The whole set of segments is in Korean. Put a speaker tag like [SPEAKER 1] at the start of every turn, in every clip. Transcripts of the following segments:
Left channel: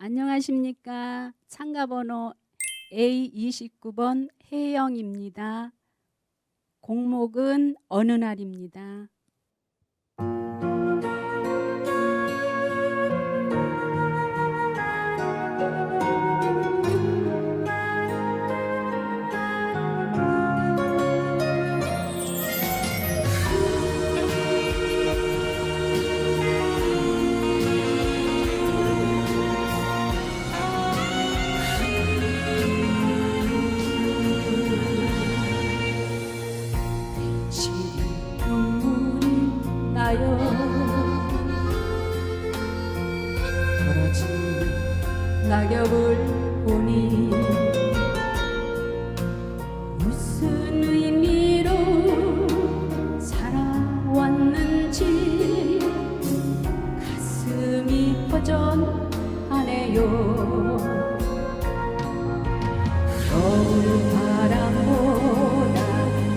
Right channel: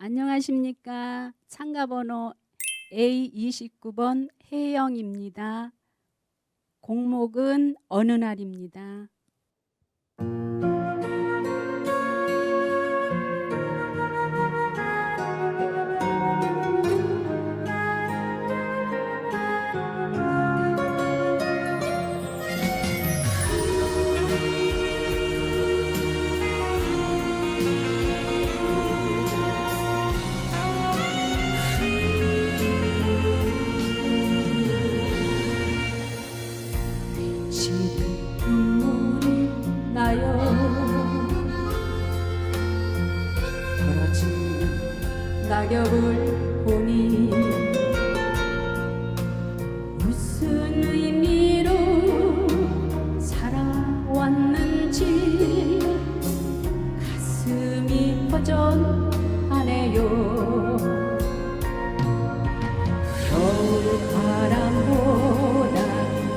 [SPEAKER 1] 안녕하십니까. 참가번호 A29번 혜영입니다. 공목은 어느 날입니다. 떨어지는 낙엽을 보니 무슨 의미로 살아왔는지 가슴이 허전하네요. 겨울 바람보다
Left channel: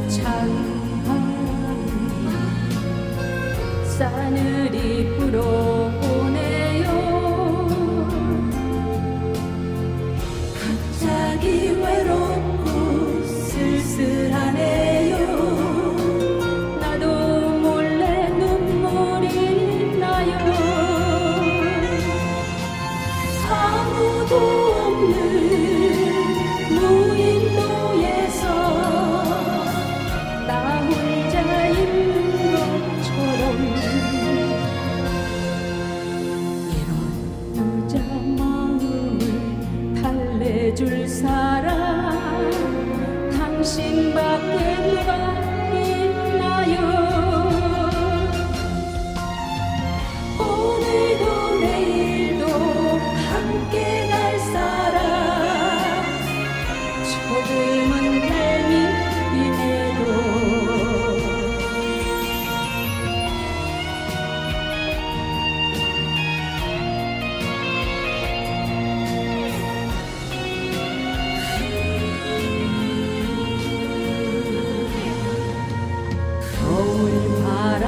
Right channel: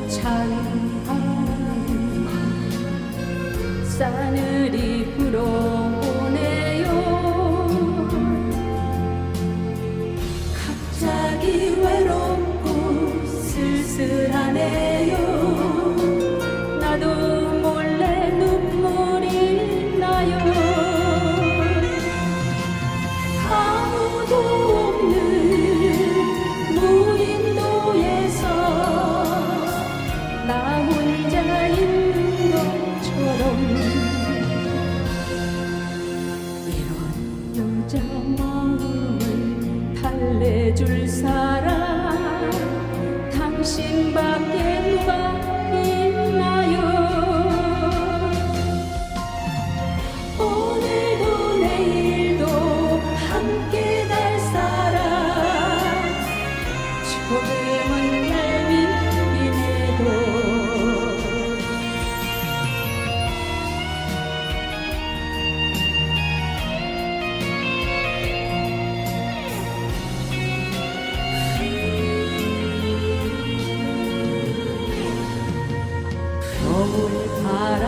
[SPEAKER 1] 찬 바람이 싸늘이 불어 줄 사람. 당신밖에 누가 있나요? 오늘도 내일도 함께 갈 사람. 조금은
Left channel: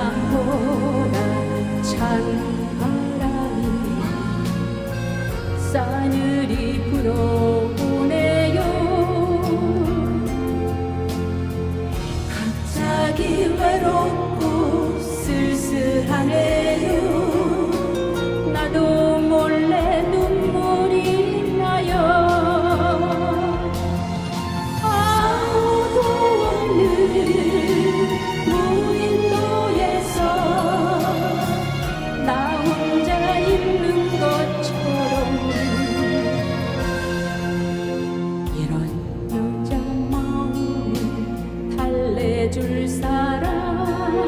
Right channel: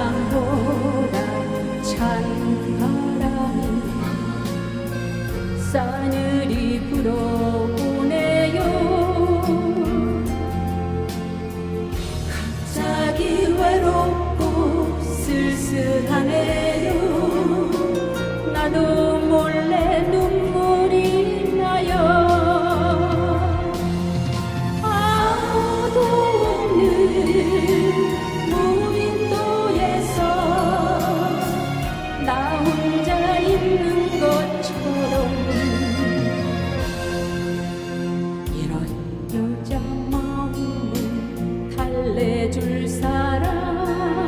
[SPEAKER 1] 바람보다 찬 바람이 싸늘이 불어오네요. 갑자기 외롭고 쓸쓸하네 이런 여자 마음을 달래줄 사람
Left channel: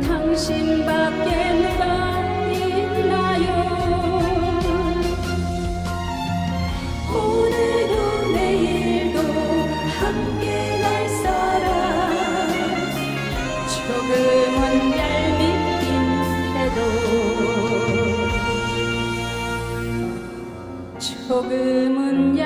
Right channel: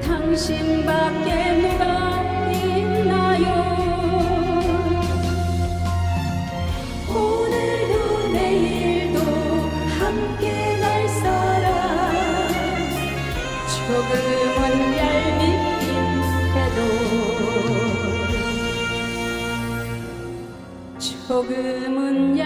[SPEAKER 1] 당신밖에 누가 있나요? 오늘도 내일도 함께 갈 사람 조금은 얄밉긴 해도 조금은